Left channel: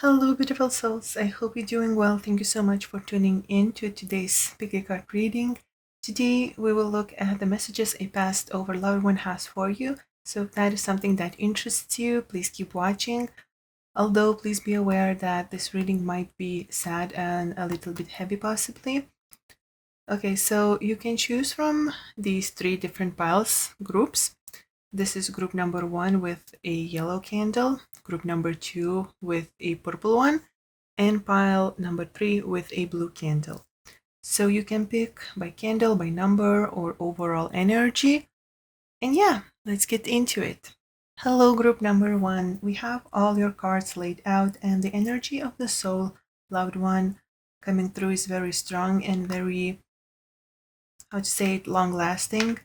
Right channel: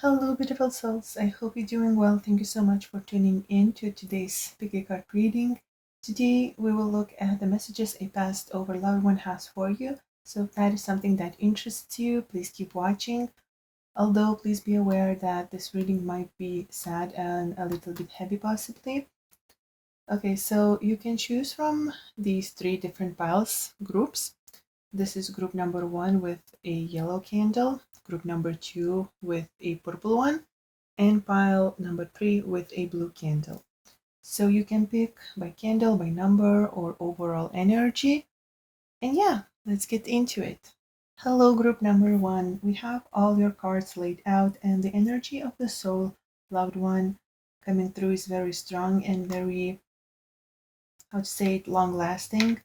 Hello, beautiful souls. I hope you're doing well. Thank you so much for tuning in to today's Picky Card reading. Today, we will look at the messages a past over loved one has for you. So, if that is something that interests you, please keep watching. Although, please be aware that this reading might be sad and a little bit heavy, possibly. Okay, so you can choose from these three different piles groups. This is group number one with a yellow candle, group number two with a purple one, and pile number three with a blue candle. So you can pick by candle, by number, or overall energy. And yeah, let's get into it. Hello, group number one. We have all your cards laid out, and the energy of the soul, loved one, coming through is very strong and very, how to say it, long lasting.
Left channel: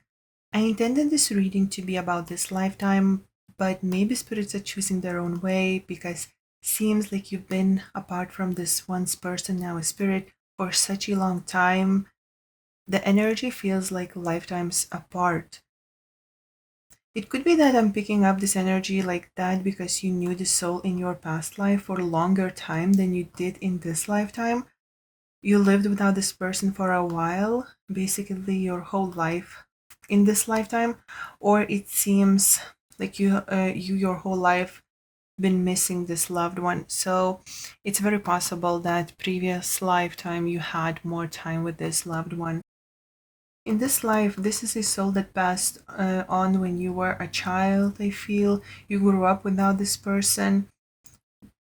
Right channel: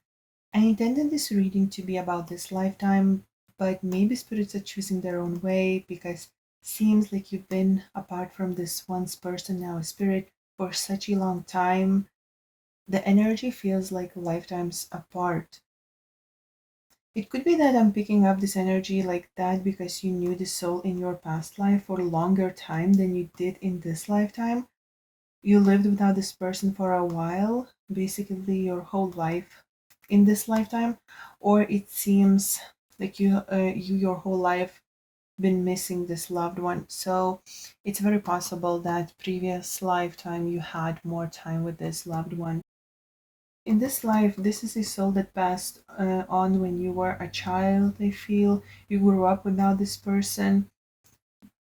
I intended this reading to be about this lifetime, but maybe spirits are choosing their own way because seems like you've been apart from this once person, now a spirit, for such a long time. The energy feels like lifetimes apart. It could be that I'm picking up this energy like that because you knew the soul in your past life for a longer time than you did in this lifetime. You lived without this person for a while, basically your whole life in this lifetime, or it seems like you your whole life been missing this loved one. So it's very possible that previous lifetime you had more time with this loved one. In this life, this is a soul that passed on when you were a child. I feel you grew up without this person,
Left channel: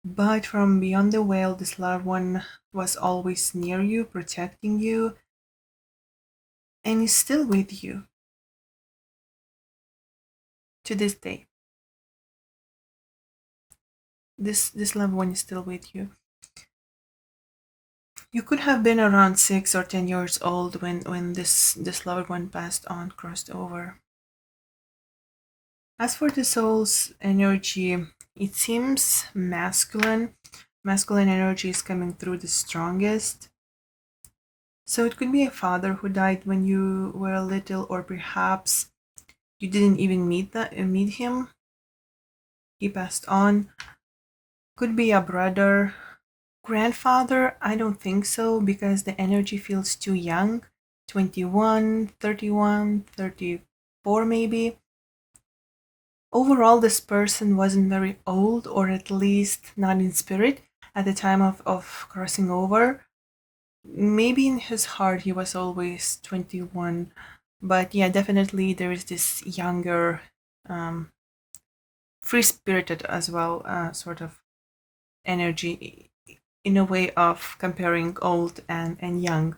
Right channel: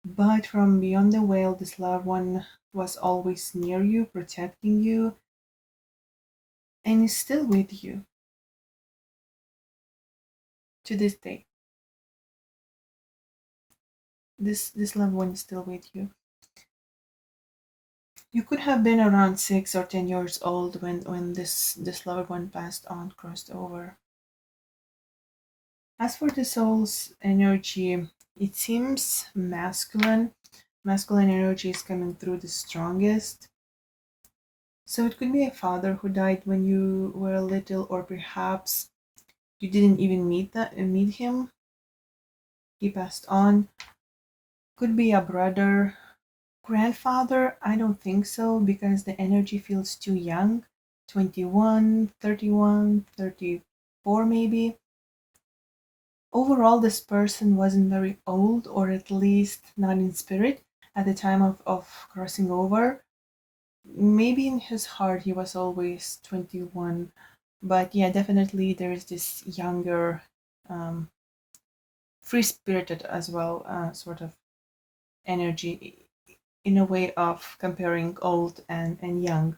but from beyond the veil, this loved one was always near you, protecting you, and is still with you to this day. This loved one is still with you. You could have been around 6 or 10 years old when this loved one passed on, crossed over. As for the soul's energy, it seems masculine. Masculine energy is coming through the strongest. So it could be a father who died when you were little, or perhaps you didn't even meet him. He passed on. Could be a brother. Grandfather, I don't think so because the energy feels too young. 21, 31, 34 maybe. Overall, this person wasn't very old, or at least not in spirit, at the time of crossing over. Maybe in his heart he was always 21. But yeah, definitely there is this younger, um, free spirited as well, sort of energy in a way of comparing old and young.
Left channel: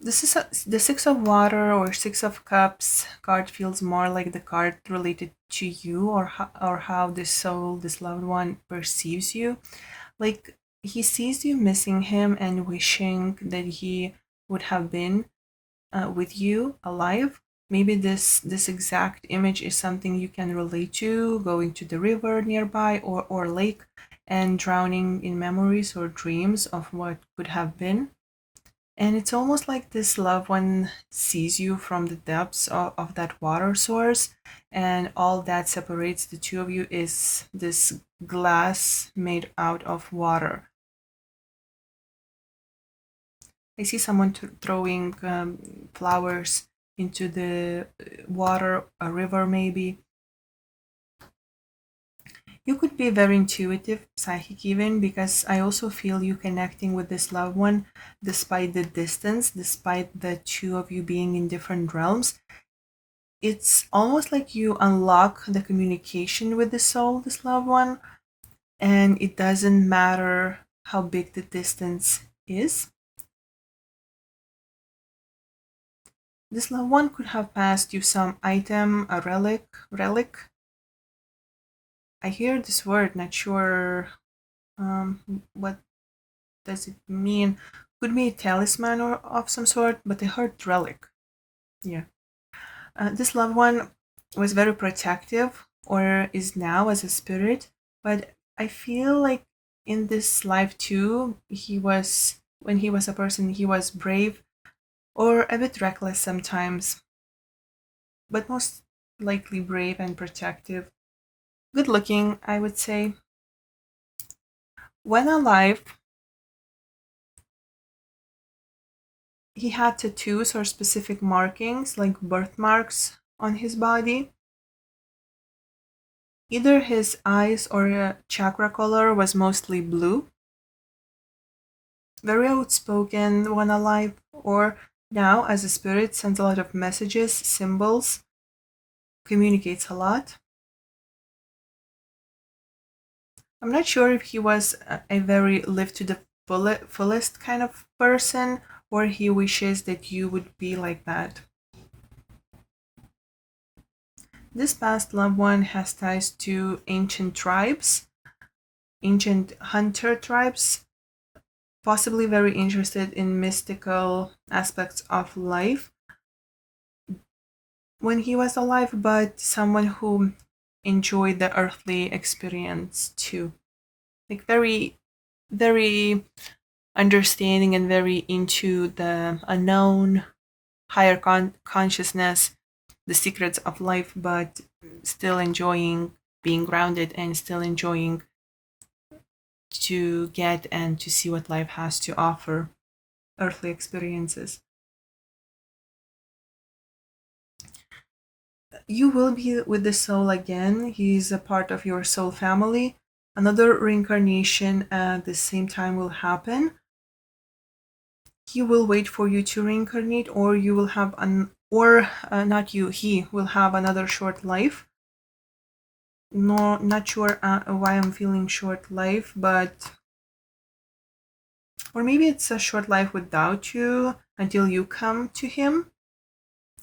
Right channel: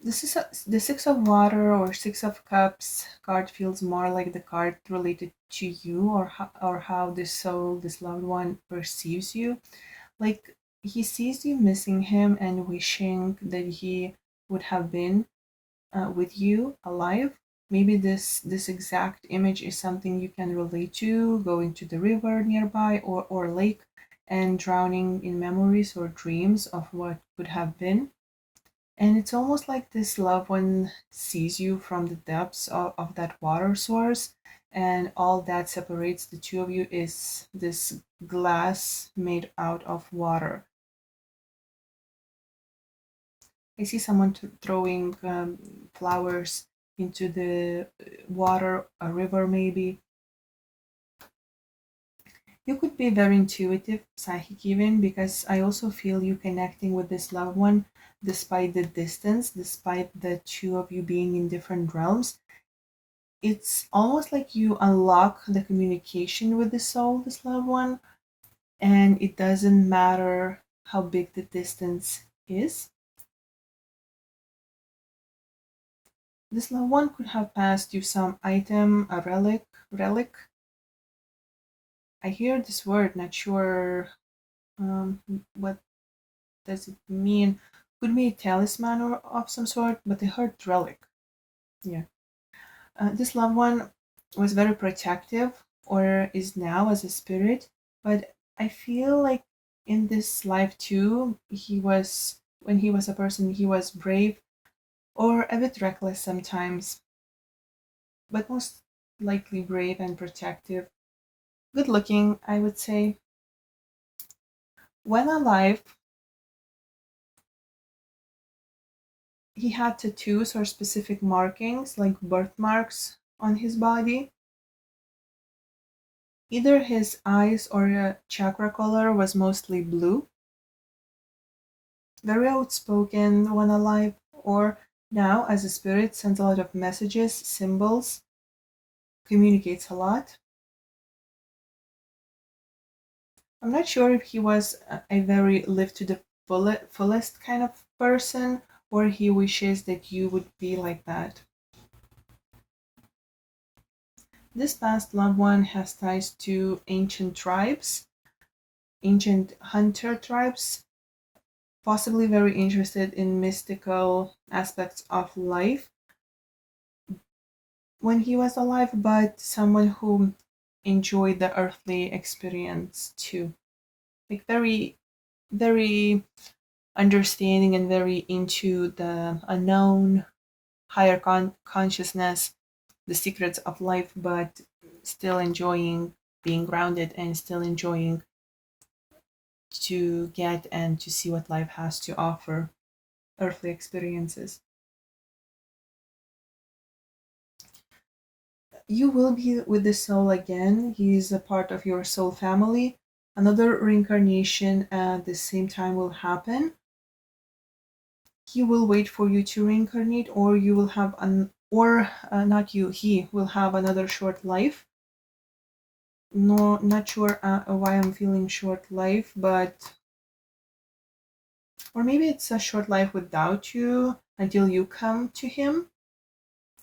The Six of Water or Six of Cups card feels more like the card related to you, or how this soul, this loved one, perceives you. Like he sees you missing him and wishing that he would have been with you alive. Maybe this exact image is something you can relate to, going to the river nearby, or lake, and drowning in memories or dreams of what could have been. And it's almost like this loved one sees you from the depths of that water source, and all that separates the two of you is this glass made out of water. I see someone throwing flowers into the water, a river maybe. You could be very intuitive, psychic even, because I also feel you connecting with this loved one despite the distance, despite the two of you being in different realms. It's almost like you unlock the communication with the soul, this loved one, and it doesn't matter how big the distance is. This loved one could have passed you some item, a relic. I hear this word, not sure what does it mean. Could be a talisman or of some sort, but I heard relic. Yeah. This loved one was very protective, or is now as a spirit, but I feel like in this life too, when he was a person, he was brave or a bit reckless sometimes, but most likely brave and protective. good looking, I would say. When alive, he had tattoos or specific markings like birthmarks on his body. Either his eyes or chakra color was mostly blue, very outspoken when alive, or now as a spirit sends a lot of messages, symbols, communicates a lot. I'm not sure if he was a very live to the fullest kind of person, or he wishes that you would be like that. This past loved one has ties to ancient tribes, ancient hunter tribes, possibly very interested in mystical aspects of life when he was alive, but someone who enjoyed the earthly experience too. Like very understanding and very into the unknown, higher consciousness, the secrets of life, but still enjoying being grounded and still enjoying to get and to see what life has to offer, earthly experiences. You will be with the soul again. He is a part of your soul family. Another reincarnation at the same time will happen. He will wait for you to reincarnate, or you will have an, or not you, he will have another short life. No, not sure why I'm feeling short life, but or maybe it's a short life without you until you come to him.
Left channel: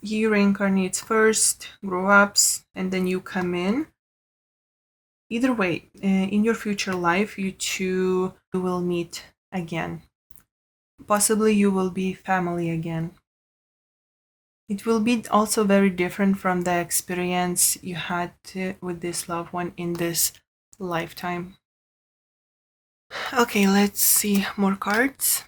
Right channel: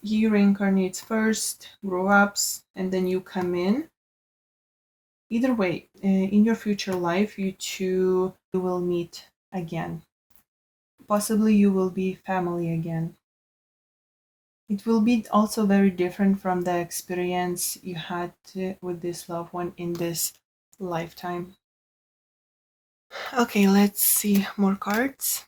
He reincarnates first, grow ups, and then you come in. Either way, in your future life, you two will meet again. Possibly you will be family again. It will be also very different from the experience you had with this loved one in this lifetime. Okay, let's see more cards.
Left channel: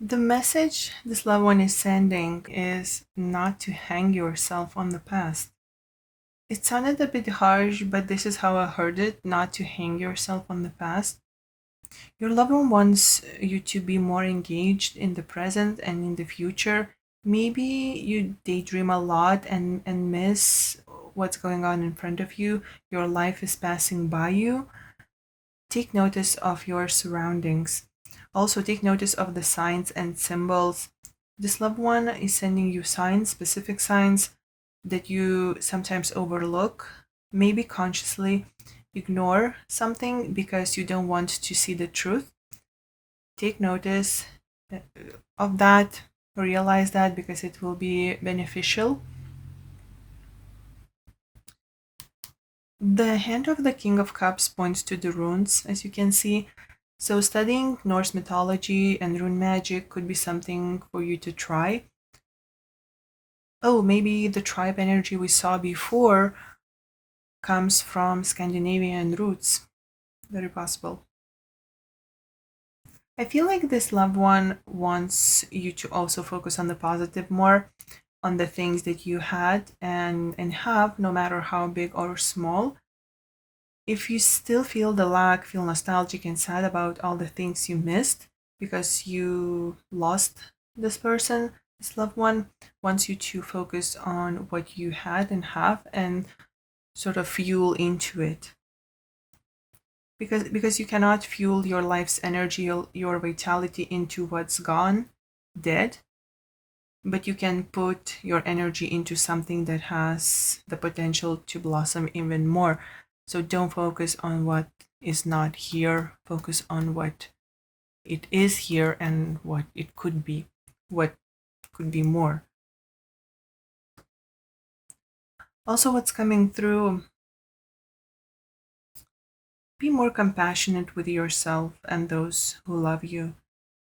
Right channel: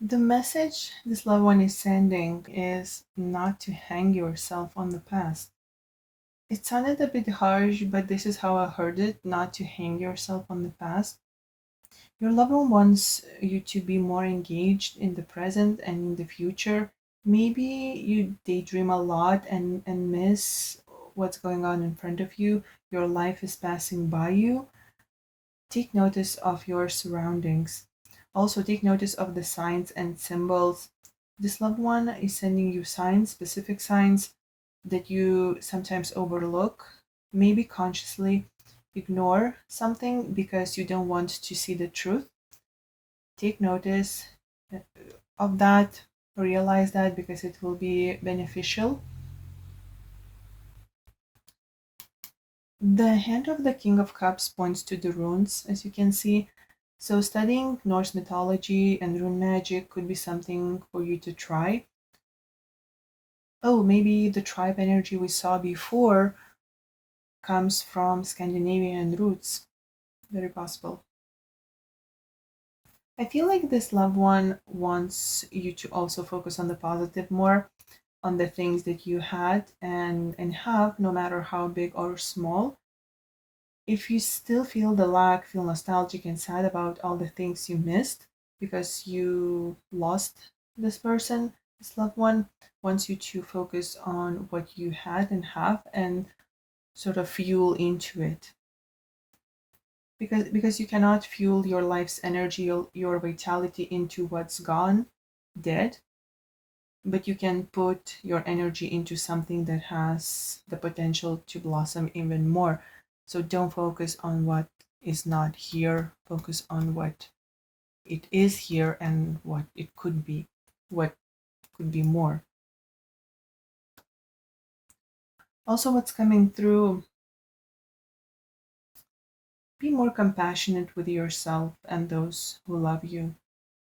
The message this loved one is sending is not to hang yourself on the past. It sounded a bit harsh, but this is how I heard it, not to hang yourself on the past. Your loved one wants you to be more engaged in the present and in the future. Maybe you daydream a lot and miss what's going on in front of you. Your life is passing by you. Take notice of your surroundings. Also, take notice of the signs and symbols. This loved one is sending you signs, specific signs that you sometimes overlook, maybe consciously ignore something because you don't want to see the truth. Take notice uh, of that, realize that because it will be beneficial. The hand of the King of Cups points to the runes, as you can see. So, studying Norse mythology and rune magic could be something for you to try. Oh, maybe the tribe energy we saw before comes from Scandinavian roots. Very possible. I feel like this loved one wants you to also focus on the positive more, on the things that you had and have, no matter how big or small. If you still feel the lack, feel nostalgic and sad about all the things you missed because you lost this person, this loved one wants you to focus on what you had and have and sort of fuel into it. Because you cannot fuel your life's energy, your vitality into what's gone, dead, but you can put your energy into something that has the potential to blossom even more. So don't focus on what is not here, focus on what it is here and what it could be, what could be more. Also, what's coming through, be more compassionate with yourself and those who love you.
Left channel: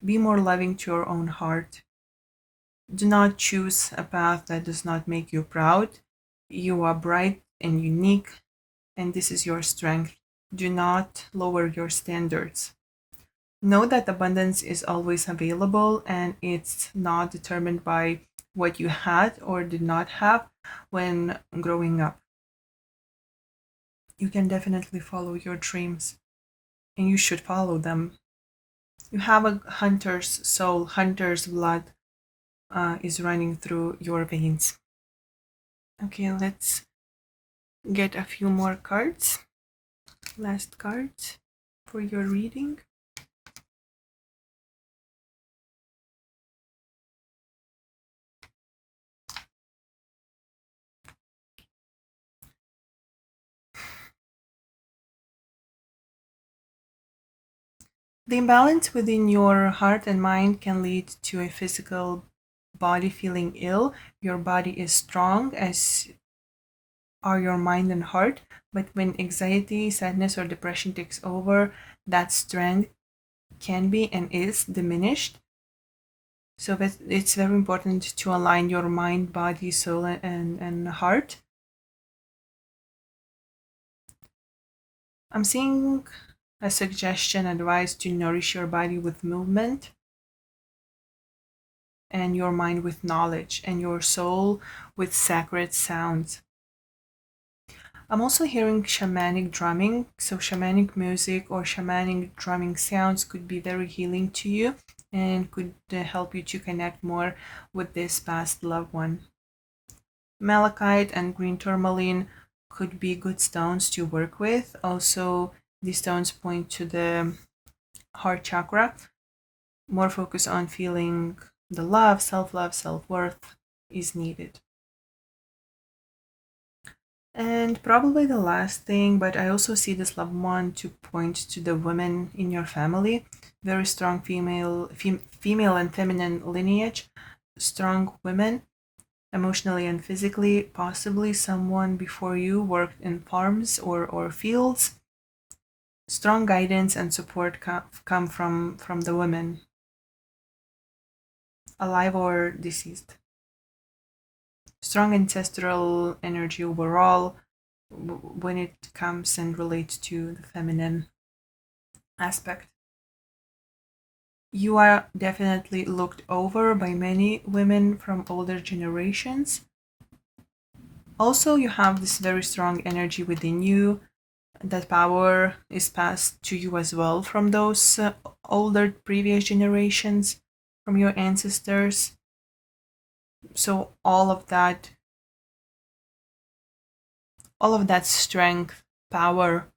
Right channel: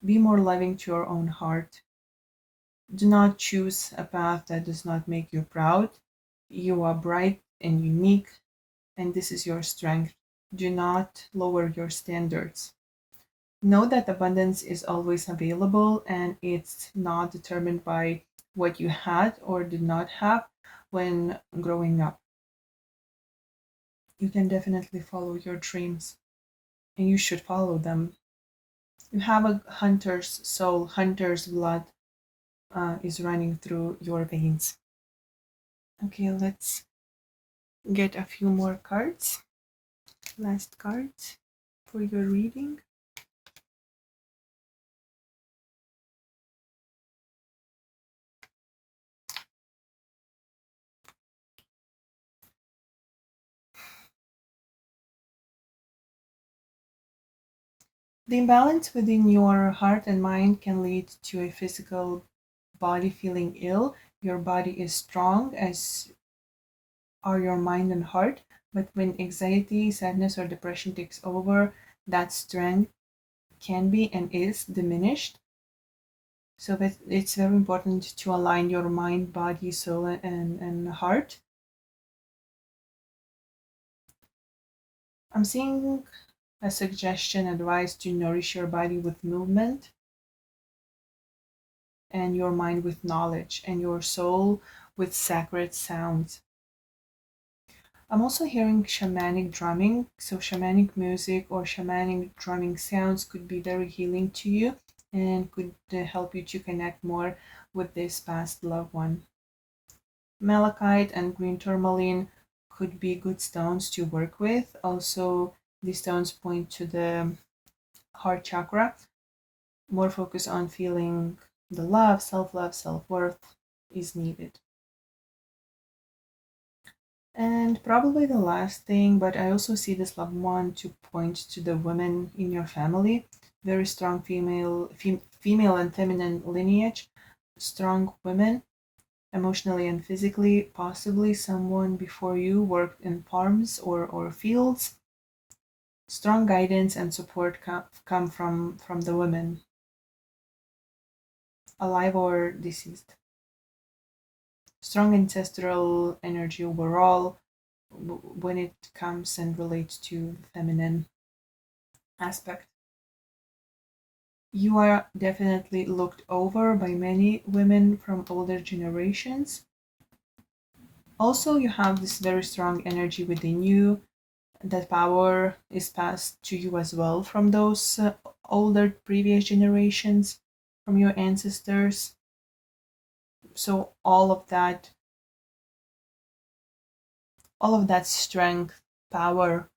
Be more loving to your own heart. Do not choose a path that does not make you proud. You are bright and unique, and this is your strength. Do not lower your standards. Know that abundance is always available and it's not determined by what you had or did not have when growing up. You can definitely follow your dreams and you should follow them. You have a hunter's soul, hunter's blood is running through your veins. Okay, let's get a few more cards. Last cards for your reading. The imbalance within your heart and mind can lead to a physical body feeling ill. Your body is strong, as are your mind and heart. But when anxiety, sadness, or depression takes over, that strength can be and is diminished. So that it's very important to align your mind, body, soul, and heart. I'm seeing a suggestion, advice to nourish your body with movement and your mind with knowledge and your soul with sacred sounds. I'm also hearing shamanic drumming. So, shamanic music or shamanic drumming sounds could be very healing to you and could help you to connect more with this past loved one. Malachite and green tourmaline could be good stones to work with. Also, these stones point to the heart chakra, more focus on feeling the love, self worth is needed. And probably the last thing, but I also see this loved one to point to the women in your family, very strong female and feminine lineage, strong women, emotionally and physically, possibly someone before you worked in farms or fields. Strong guidance and support come from the women, alive or deceased. Strong ancestral energy overall when it comes and relates to the feminine aspect. You are definitely looked over by many women from older generations. Also, you have this very strong energy within you. That power is passed to you as well from those older previous generations, from your ancestors. So all of that strength, power,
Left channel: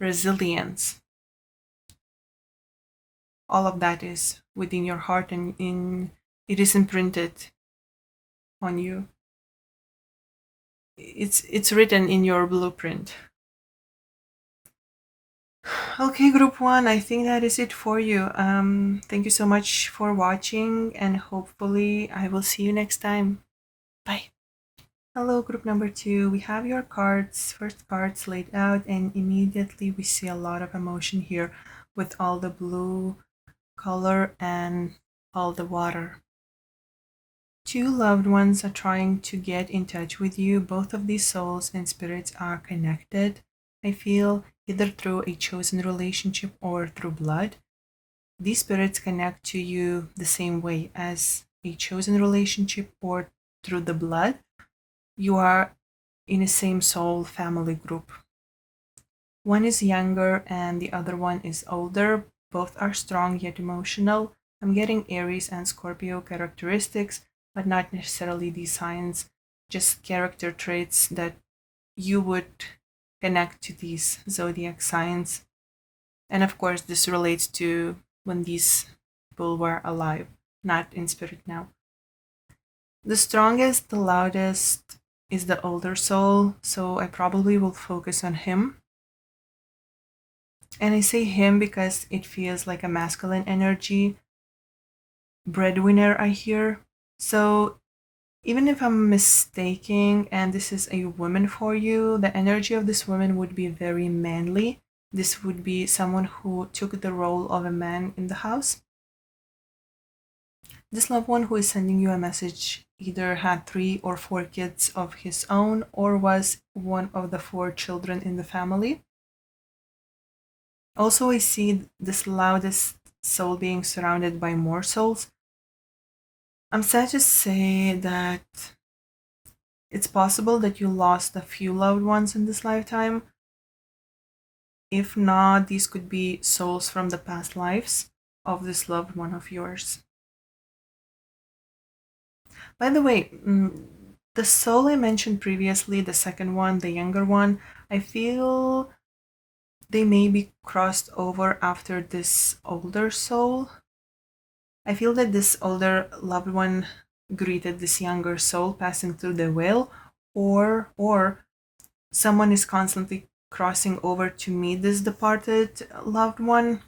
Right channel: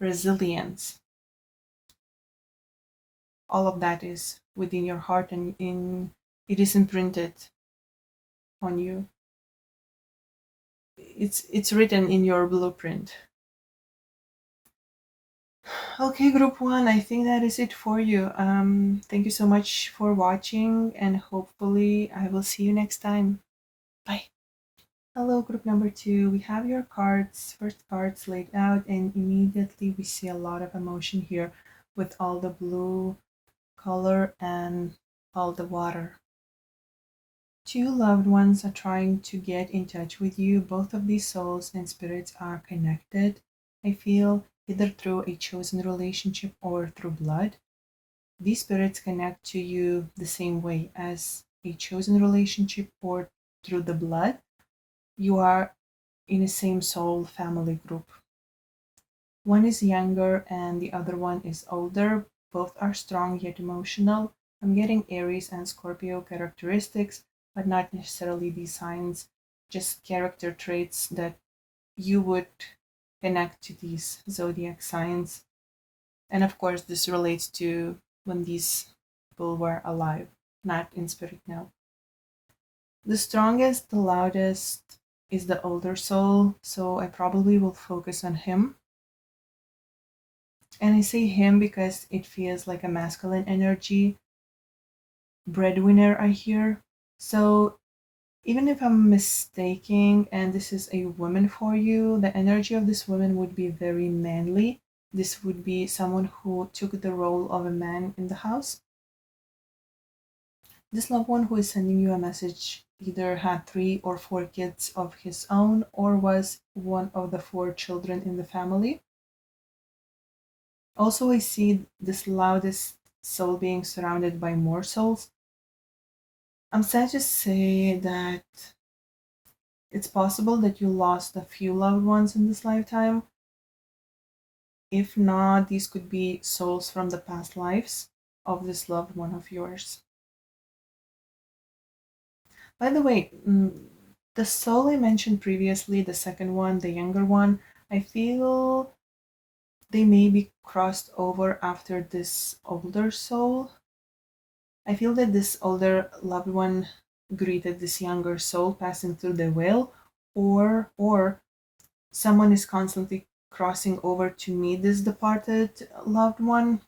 resilience, all of that is within your heart and in it is imprinted on you. It's written in your blueprint. Okay, group one, I think that is it for you. Thank you so much for watching and hopefully I will see you next time. Bye. Hello, group number two. We have your cards, first cards laid out, and immediately we see a lot of emotion here with all the blue color and all the water. Two loved ones are trying to get in touch with you. Both of these souls and spirits are connected, I feel, either through a chosen relationship or through blood. These spirits connect to you the same way as a chosen relationship or through the blood. You are in a same soul family group. One is younger and the other one is older. Both are strong yet emotional. I'm getting Aries and Scorpio characteristics, but not necessarily these signs, just character traits that you would connect to these zodiac signs. And of course, this relates to when these people were alive, not in spirit now. The strongest, the loudest is the older soul, so I probably will focus on him. And I say him because it feels like a masculine energy. Breadwinner, I hear. So even if I'm mistaking and this is a woman for you, the energy of this woman would be very manly, This would be someone who took the role of a man in the house. This loved one who is sending you a message either had 3 or 4 kids of his own or was one of the 4 children in the family. Also, I see this loudest soul being surrounded by more souls. I'm sad to say that it's possible that you lost a few loved ones in this lifetime. If not, these could be souls from the past lives of this loved one of yours. By the way, the soul I mentioned previously, the second one, the younger one, I feel they may be crossed over after this older soul. I feel that this older loved one greeted this younger soul passing through the veil, or someone is constantly crossing over to meet this departed loved one.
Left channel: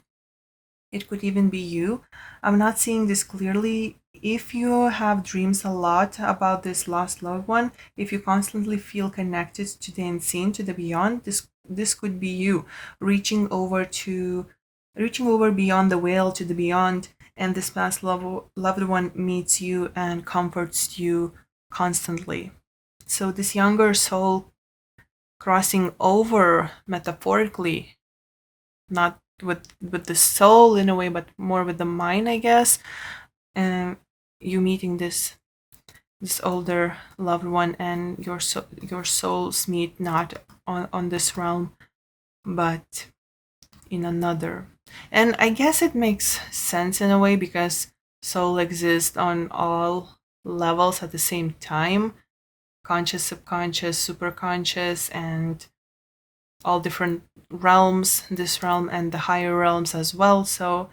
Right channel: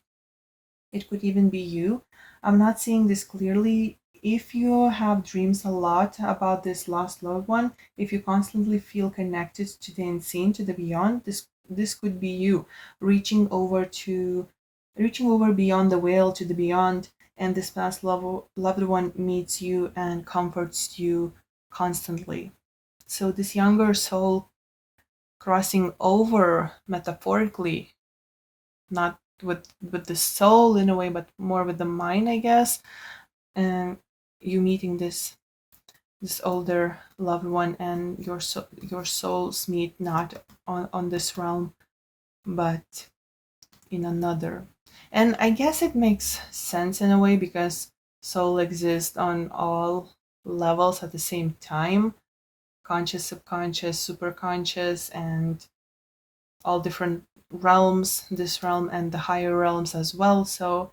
It could even be you. I'm not seeing this clearly. If you have dreams a lot about this lost loved one, if you constantly feel connected to the unseen, to the beyond, this could be you reaching over beyond the veil to the beyond, and this past loved one meets you and comforts you constantly. So this younger soul crossing over metaphorically, not with the soul in a way, but more with the mind, I guess. And you meeting this older loved one, and your souls meet not on this realm, but in another. And I guess it makes sense in a way because soul exists on all levels at the same time: conscious, subconscious, superconscious, and all different realms, this realm and the higher realms as well. So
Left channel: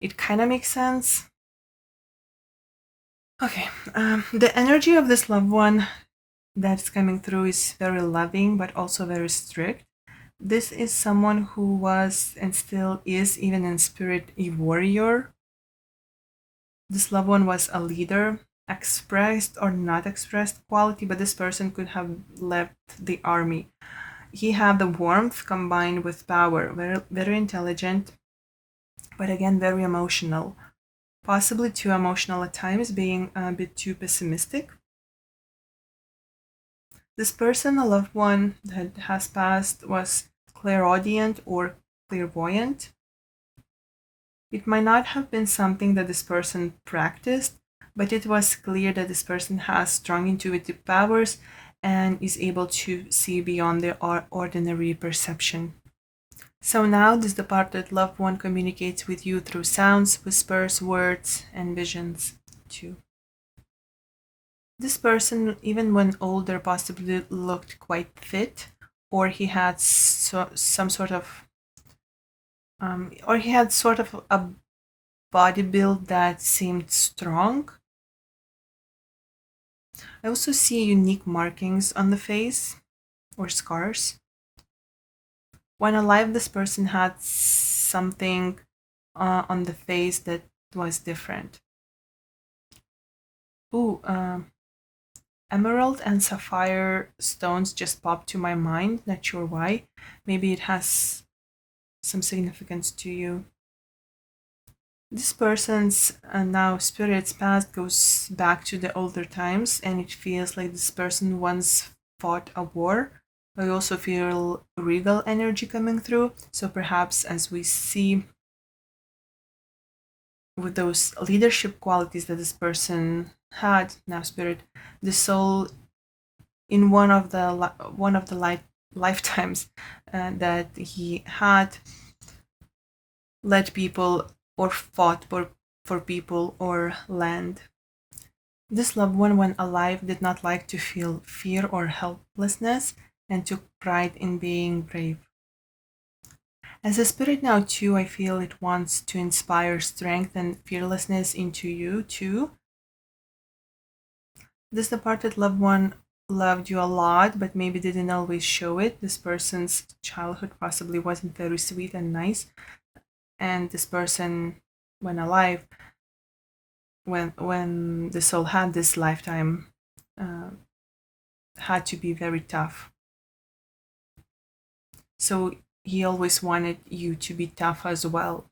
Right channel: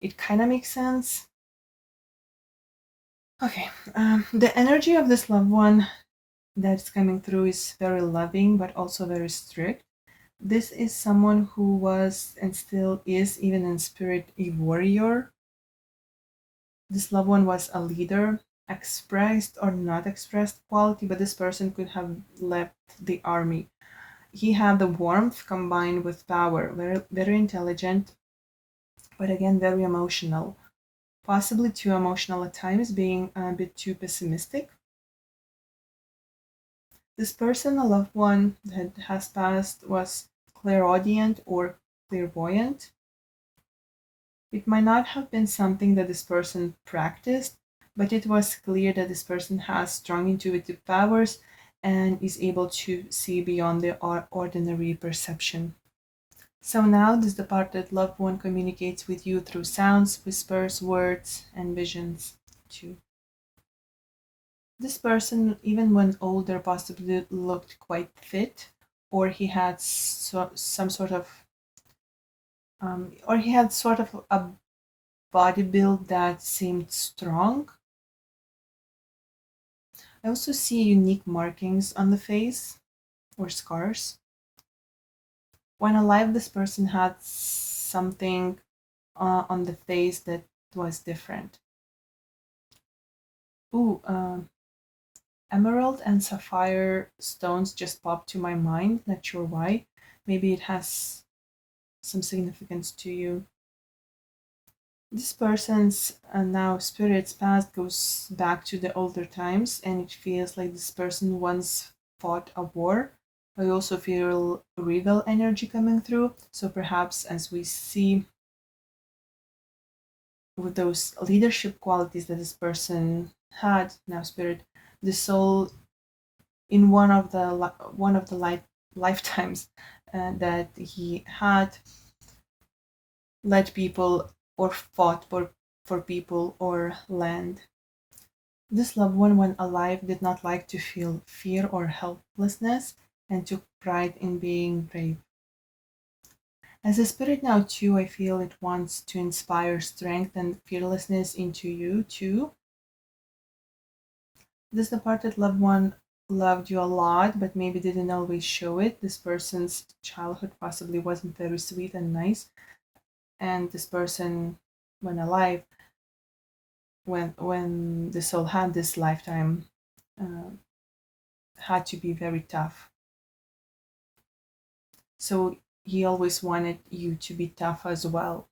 it kind of makes sense. Okay, the energy of this loved one that's coming through is very loving, but also very strict. This is someone who was and still is, even in spirit, a warrior. This loved one was a leader, expressed or not expressed quality, but this person could have left the army. He had the warmth combined with power, very intelligent, but again, very emotional. Possibly too emotional at times, being a bit too pessimistic. This person, a loved one that has passed, was clairaudient or clairvoyant. It might not have been something that this person practiced, but it was clear that this person has strong intuitive powers and is able to see beyond their ordinary perception. So now this departed loved one communicates with you through sounds, whispers, words, and visions too. This person, even when older, possibly looked quite fit, or he had some sort of, or he had sort of a body build that seemed strong. I also see unique markings on the face or scars. When alive, this person had something on the face that was different. Ooh, emerald and sapphire stones just popped to my mind. Not sure why. Maybe it has some significance to you. This person's now spirit's past goes back to the older times, and it feels like this person once fought a war. I also feel regal energy coming through. So perhaps as we see with those leadership qualities that this person had, now spirit, the soul in one of the lifetimes that he had led people or fought for people or land. This loved one, when alive, did not like to feel fear or helplessness and took pride in being brave. As a spirit now, too, I feel it wants to inspire strength and fearlessness into you, too. This departed loved one loved you a lot, but maybe didn't always show it. This person's childhood possibly wasn't very sweet and nice, and this person, when alive, when the soul had this lifetime, uh, had to be very tough. So he always wanted you to be tough as well,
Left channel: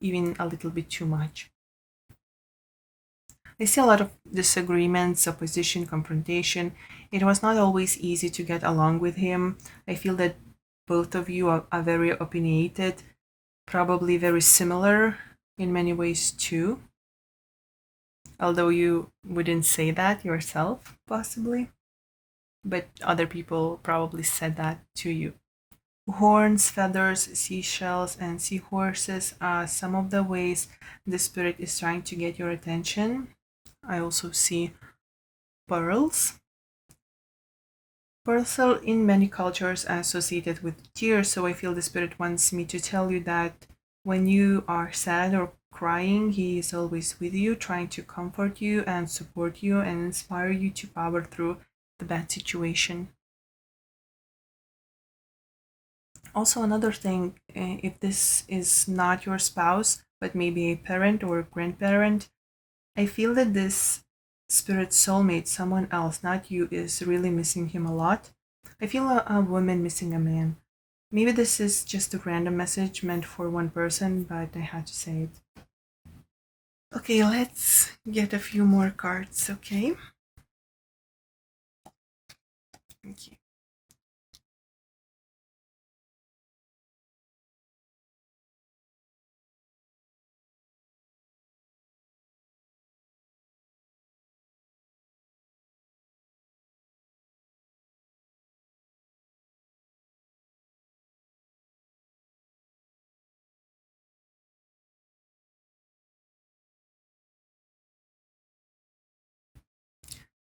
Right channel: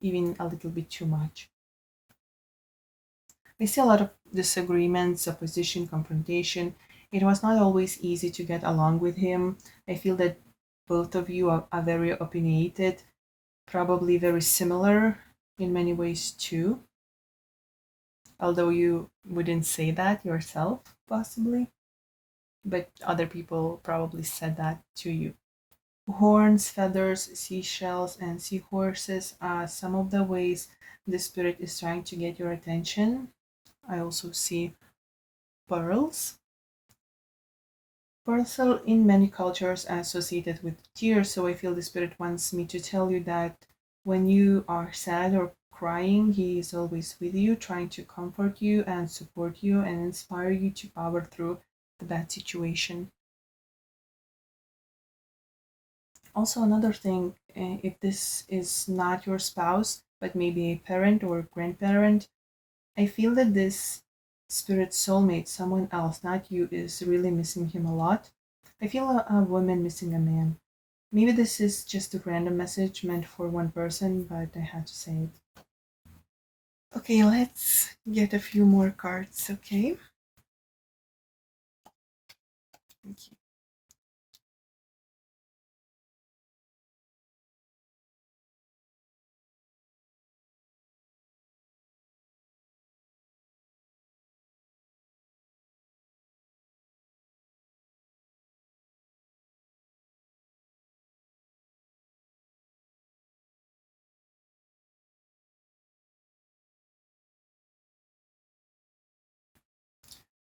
even a little bit too much. I see a lot of disagreements, opposition, confrontation. It was not always easy to get along with him. I feel that both of you are very opinionated, probably very similar in many ways too, although you wouldn't say that yourself, possibly, but other people probably said that to you. Horns, feathers, seashells, and seahorses are some of the ways the spirit is trying to get your attention. I also see pearls. Pearls are in many cultures associated with tears, so I feel the spirit wants me to tell you that when you are sad or crying, he is always with you, trying to comfort you and support you and inspire you to power through the bad situation. Also, another thing, if this is not your spouse, but maybe a parent or a grandparent, I feel that this spirit soulmate, someone else, not you, is really missing him a lot. I feel a woman missing a man. Maybe this is just a random message meant for one person, but I had to say it. Okay, let's get a few more cards, okay? Thank you.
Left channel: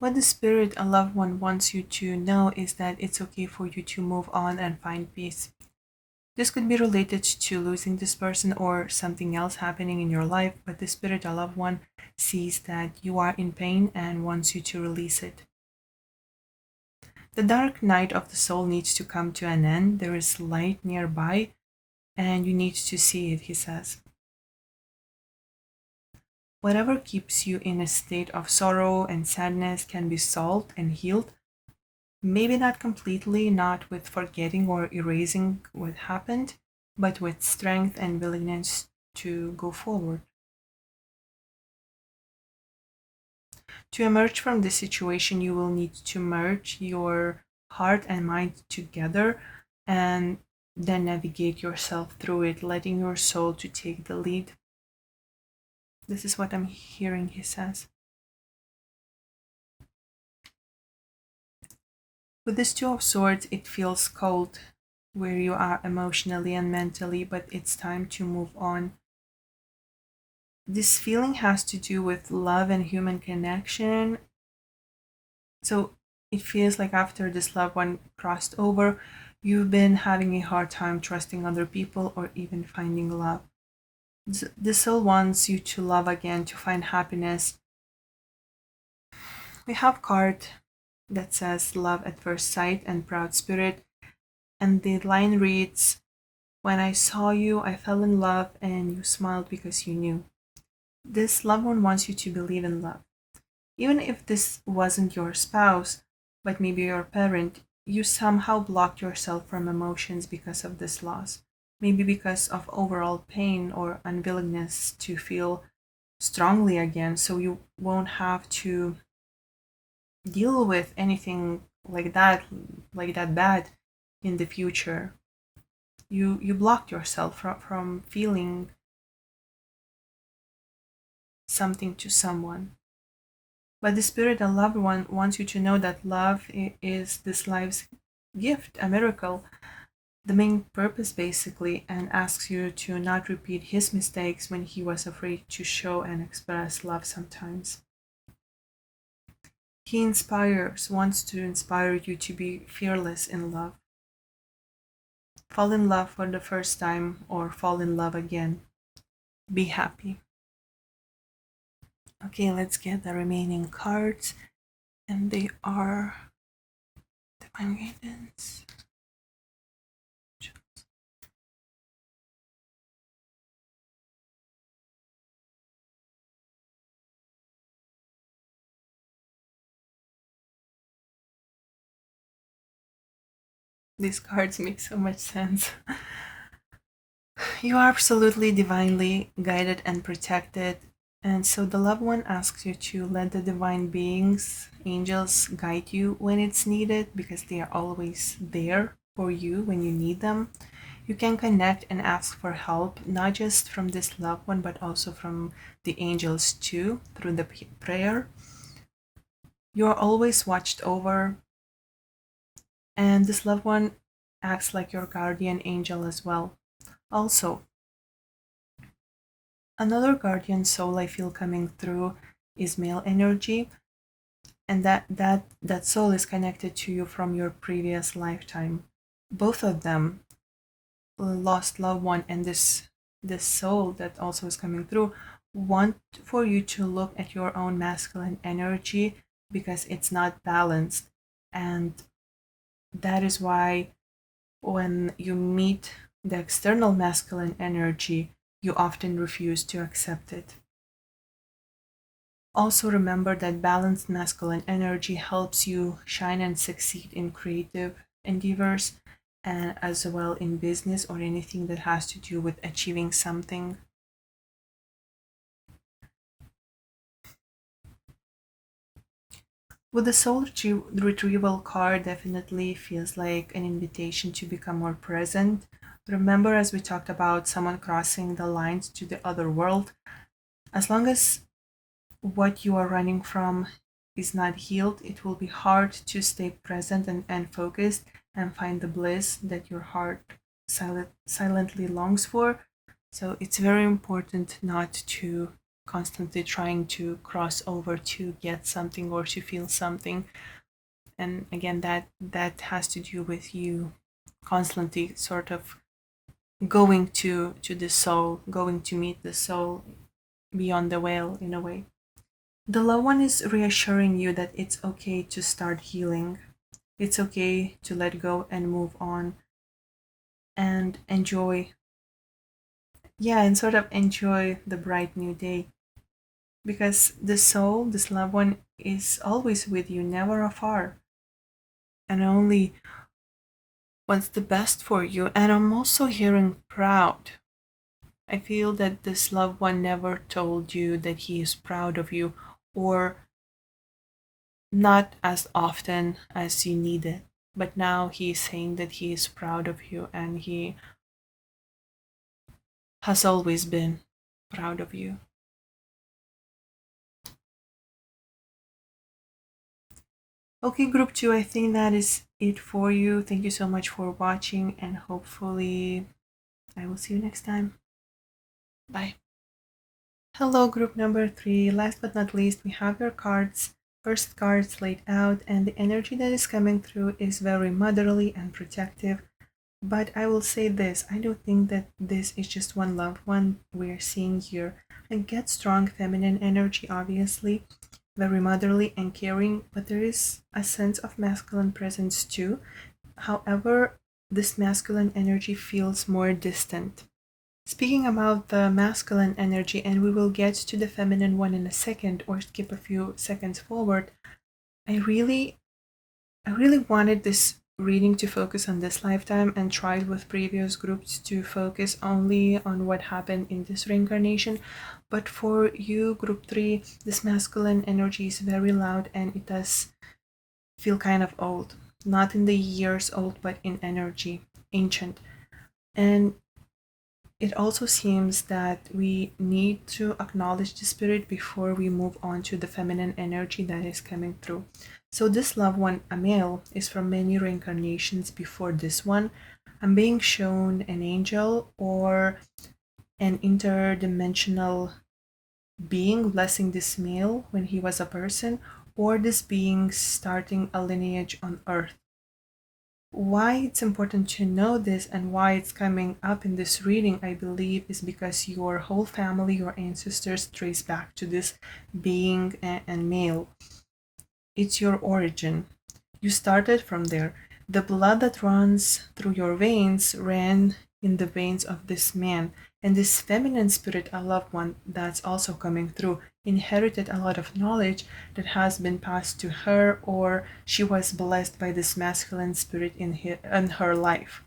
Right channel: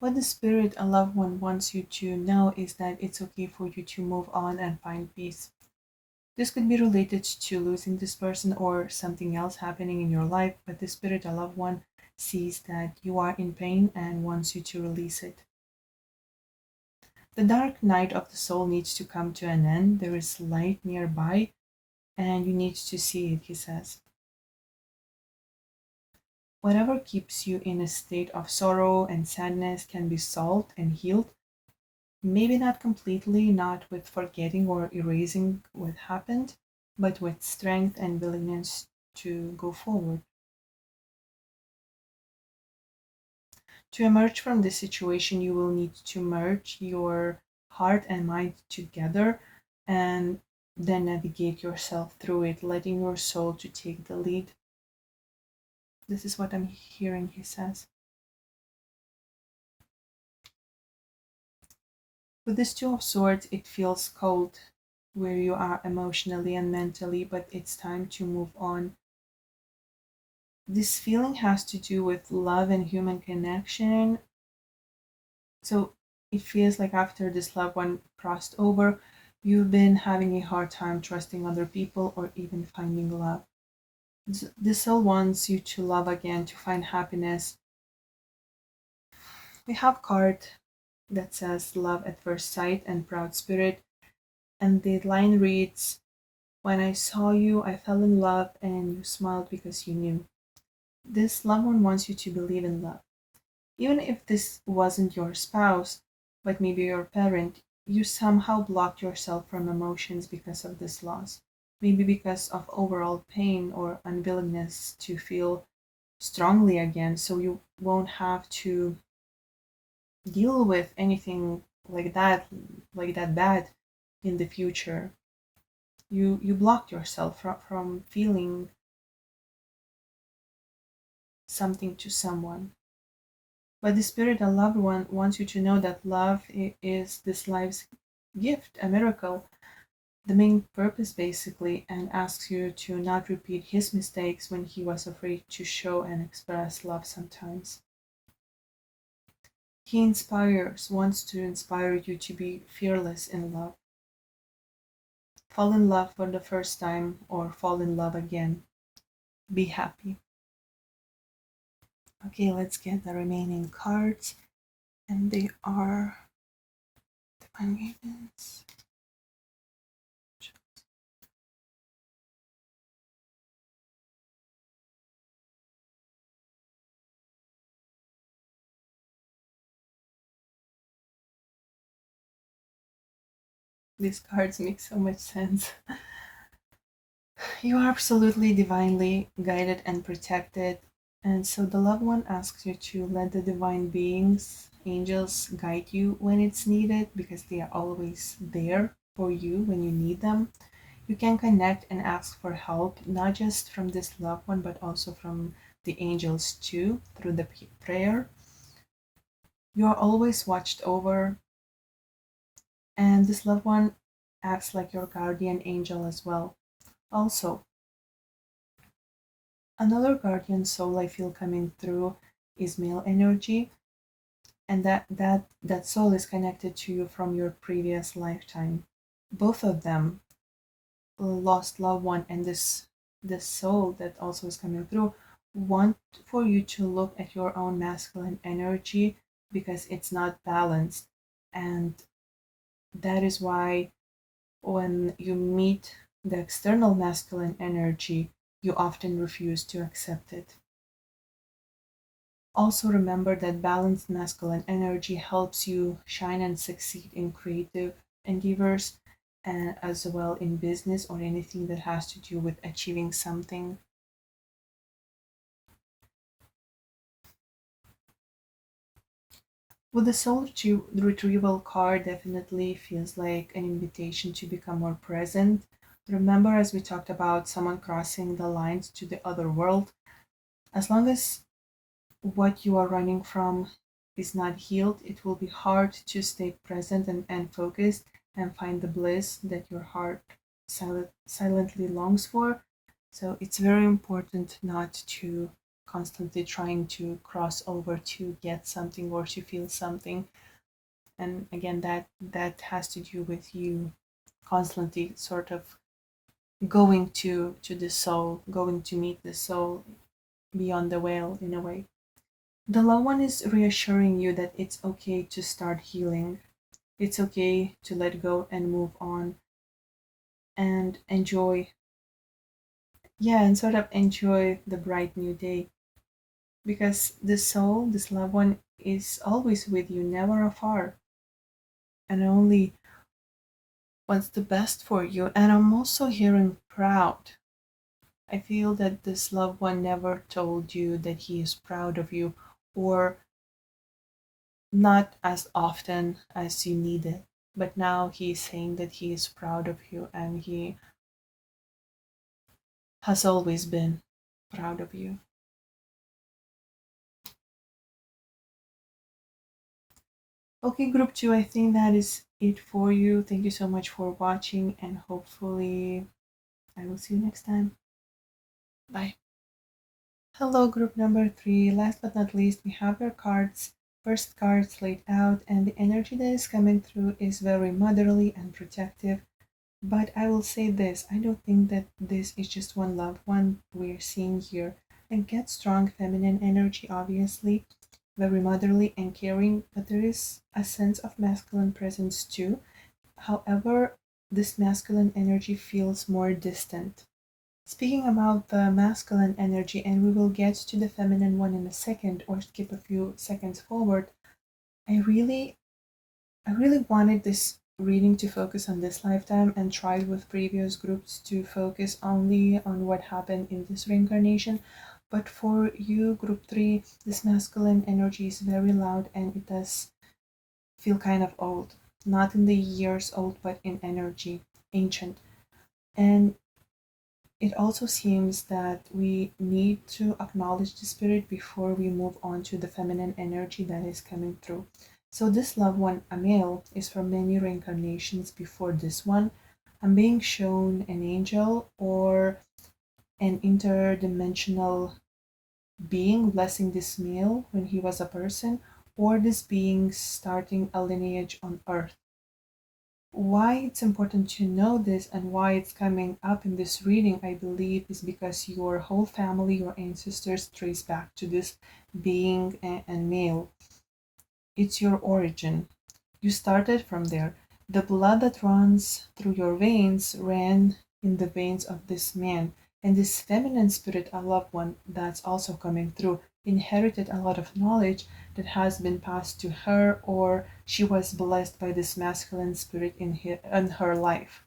What the spirit, a loved one, wants you to know is that it's okay for you to move on and find peace. This could be related to losing this person or something else happening in your life, but the spirit, a loved one, sees that you are in pain and wants you to release it. The dark night of the soul needs to come to an end. There is light nearby, and you need to see it, he says. Whatever keeps you in a state of sorrow and sadness can be solved and healed. Maybe not completely, not with forgetting or erasing what happened, but with strength and willingness to go forward. To emerge from this situation, you will need to merge your heart and mind together and then navigate yourself through it, letting your soul to take the lead. This is what I'm hearing, he says. With this Two of Swords, it feels cold where you are emotionally and mentally, but it's time to move on. This feeling has to do with love and human connection. So it feels like after this loved one crossed over, you've been having a hard time trusting other people or even finding love. This soul wants you to love again, to find happiness. We have card that says love at first sight and proud spirit, and the line reads, when I saw you, I fell in love and you smiled because you knew. This loved one wants you to believe in love. Even if this wasn't your spouse, but maybe your parent, you somehow blocked yourself from emotions because of this loss. Maybe because of overall pain or unwillingness to feel strongly again, so you won't have to deal with anything like that bad in the future. You blocked yourself from feeling something to someone. But the spirit and loved one wants you to know that love is this life's gift, a miracle, the main purpose basically, and asks you to not repeat his mistakes when he was afraid to show and express love sometimes. He wants to inspire you to be fearless in love. Fall in love for the first time or fall in love again. Be happy. Okay, let's get the remaining cards, and they are Divine Guidance. These cards make so much sense. You are absolutely divinely guided and protected. And so the loved one asks you to let the divine beings, angels, guide you when it's needed because they are always there for you when you need them. You can connect and ask for help, not just from this loved one, but also from the angels too, through the prayer. You are always watched over, and this loved one acts like your guardian angel as well. Also, another guardian soul I feel coming through is male energy, and that soul is connected to you from your previous lifetime. Both of them, lost loved one and this soul that also is coming through, want for you to look at your own masculine energy because it's not balanced. And that is why when you meet the external masculine energy, you often refuse to accept it. Also, remember that balanced masculine energy helps you shine and succeed in creative endeavors and as well in business or anything that has to do with achieving something. With the soul retrieval card, definitely feels like an invitation to become more present. Remember, as we talked about, someone crossing the lines to the other world. As long as what you are running from is not healed, it will be hard to stay present and focused and find the bliss that your heart silently longs for. So it's very important not to constantly trying to cross over to get something or to feel something. And again, that has to do with you constantly sort of going to the soul, going to meet the soul beyond the veil in a way. The loved one is reassuring you that it's okay to start healing. It's okay to let go and move on and enjoy, yeah, and sort of enjoy the bright new day. Because the soul, this loved one, is always with you, never afar, and only wants the best for you. And I'm also hearing proud. I feel that this loved one never told you that he is proud of you, or not as often as you need it. But now he's saying that he is proud of you and he has always been proud of you. Okay, group two, I think that is it for you. Thank you so much for watching, and hopefully, I will see you next time. Bye. Hello, group number three. Last but not least, we have your cards. First cards laid out, and the energy that is coming through is very motherly and protective. But I will say this, I don't think that this is just one loved one we're seeing here. I get strong feminine energy, obviously, very motherly and caring, but there is a sense of masculine presence too. However, this masculine energy feels more distant. Speaking about the masculine energy, and we will get to the feminine one in a second or skip a few seconds forward, I really I really wanted this reading to focus on this lifetime and tried with previous groups to focus only on what happened in this reincarnation. But for you, group three, this masculine energy is very loud and it does feel kind of old. Not in the years old, but in energy, ancient. And it also seems that we need to acknowledge the spirit before we move on to the feminine energy that is coming through. So, this loved one, a male, is from many reincarnations before this one. I'm being shown an angel or an interdimensional being blessing this male when he was a person, or this being starting a lineage on earth. Why it's important to know this and why it's coming up in this reading, I believe, is because your whole family, your ancestors, trace back to this being and male. It's your origin. You started from there. The blood that runs through your veins ran in the veins of this man. And this feminine spirit, a loved one, that's also coming through, inherited a lot of knowledge that has been passed to her, or she was blessed by this masculine spirit in her life.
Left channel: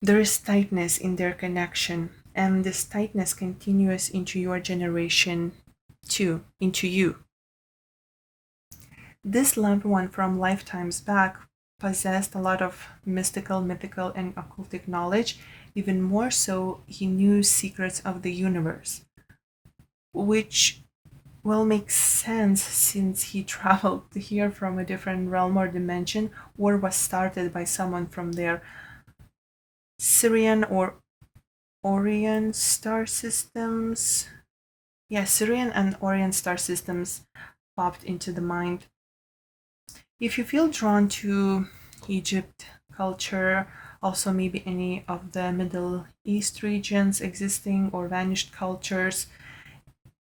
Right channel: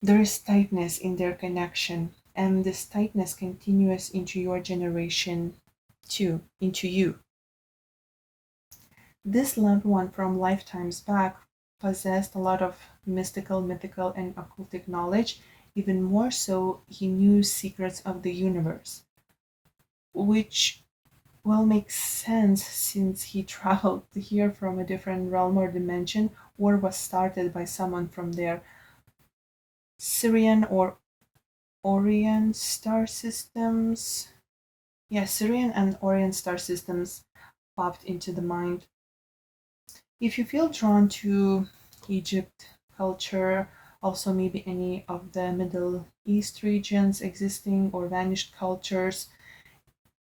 There is tightness in their connection, and this tightness continues into your generation too, into you. This loved one from lifetimes back possessed a lot of mystical, mythical, and occultic knowledge. Even more so, he knew secrets of the universe, which will make sense since he traveled here from a different realm or dimension, or was started by someone from their Syrian or Orion star systems. Yeah, Syrian and Orion star systems popped into the mind. If you feel drawn to Egypt culture, also maybe any of the Middle East regions existing or vanished cultures,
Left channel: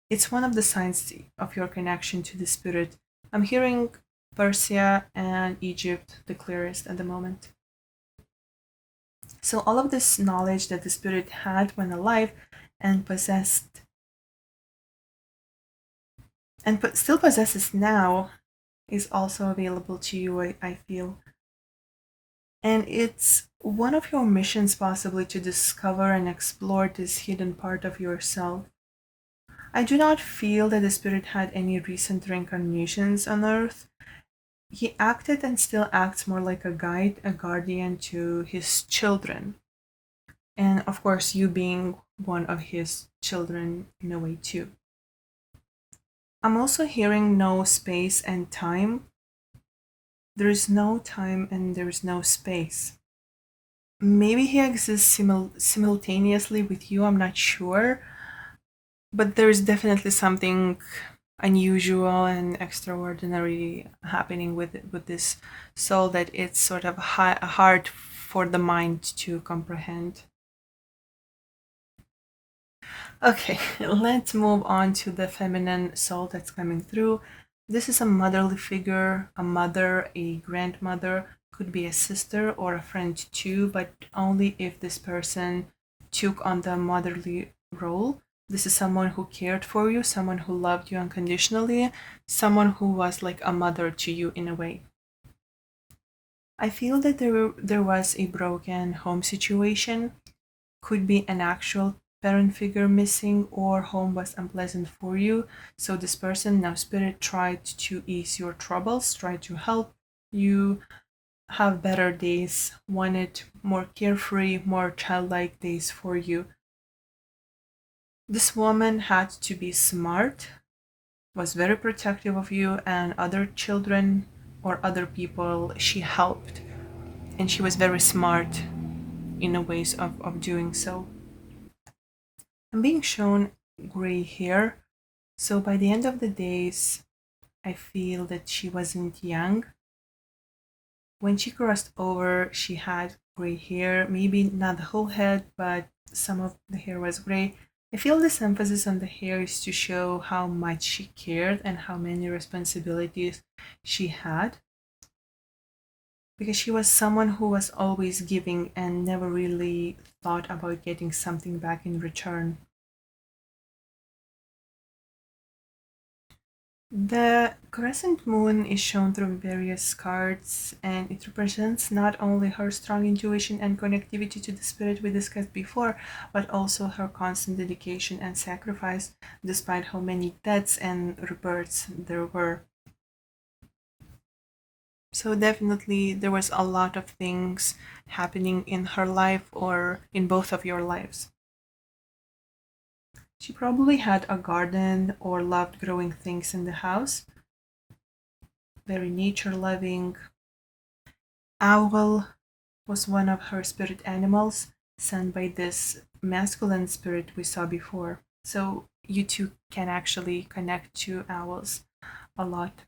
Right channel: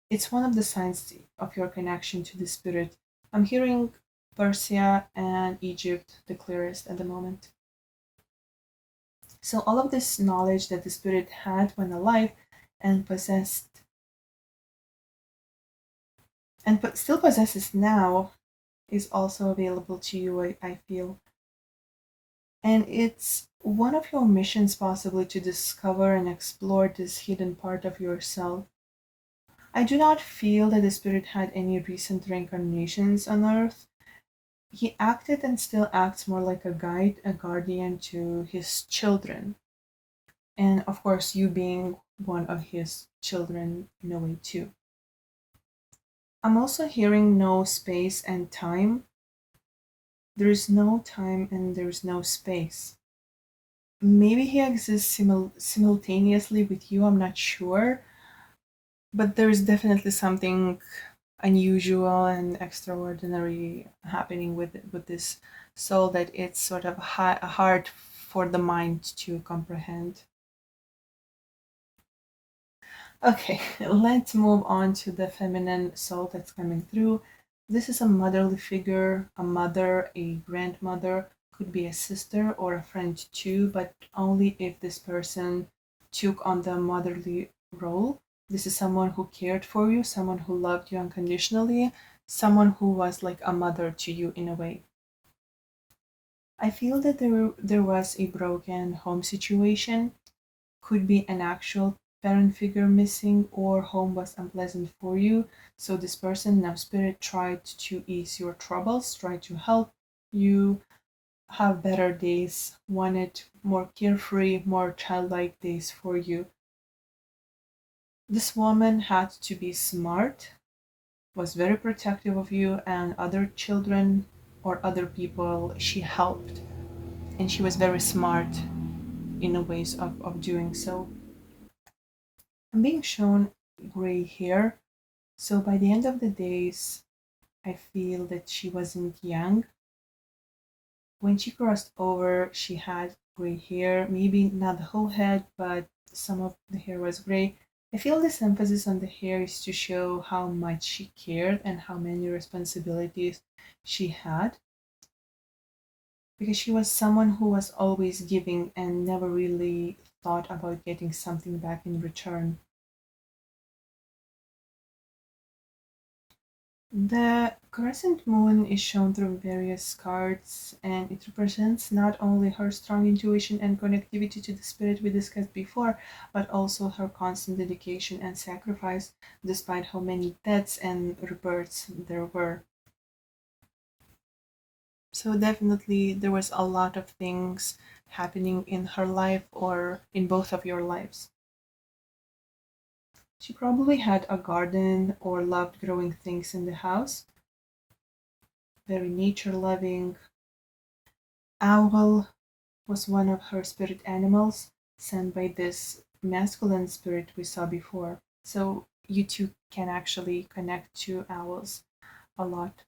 it's one of the signs of your connection to the spirit. I'm hearing Persia and Egypt the clearest at the moment. So, all of this knowledge that the spirit had when alive and possessed and still possesses now is also available to you, I feel. And it's one of your missions, possibly, to discover and explore this hidden part of yourself. I do not feel that the spirit had any recent reincarnations on Earth. He acted and still acts more like a guide, a guardian to his children. And of course, you being one of his children in a way, too. I'm also hearing no space and time. There is no time and there is no space. Maybe he exists simultaneously with you, I'm not sure. But there's definitely something unusual and extraordinary happening with this soul that it's sort of hard for the mind to comprehend. Okay, let's move on to the feminine soul that's coming through. This is a motherly figure, a mother, a grandmother, could be a sister or a friend too, but only if this person took on the motherly role. This is someone who cared for you, someone who loved you unconditionally, someone who was like a mother to you in a way. I feel that there was a broken home situation, could be an actual parent figure missing, or home was unpleasant for you. So this person, now spirit, tried to ease your troubles, tried to help you have better days, wanted more carefree, more childlike days for you. This woman had to be smart, was very protective of you and other children or other people she helped. And she was very smart in the ways of doing so. I'm being shown gray hair. So by the end of the days, I feel that she wasn't young. When she crossed over, she had gray hair, maybe not the whole head, but some of the hair was gray. I feel this emphasis on the hair is to show how much she cared and how many responsibilities she had. Because she was someone who was always giving and never really thought about getting something back in return. The crescent moon is shown through various cards, and it represents not only her strong intuition and connectivity to the spirit we discussed before, but also her constant dedication and sacrifice, despite how many deaths and rebirths there were. So, definitely, there was a lot of things happening in her life or in both of your lives. She probably had a garden or loved growing things in the house, very nature loving. Owl was one of her spirit animals, sent by this masculine spirit we saw before. So you two can actually connect to owls a lot.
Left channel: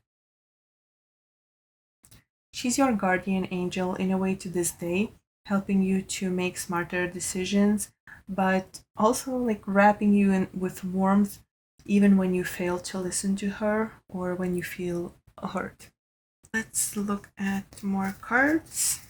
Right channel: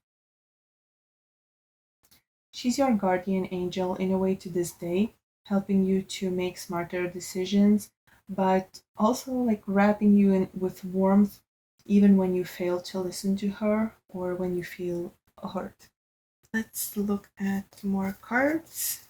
She's your guardian angel in a way to this day, helping you to make smarter decisions, but also like wrapping you in with warmth even when you fail to listen to her or when you feel hurt. Let's look at more cards.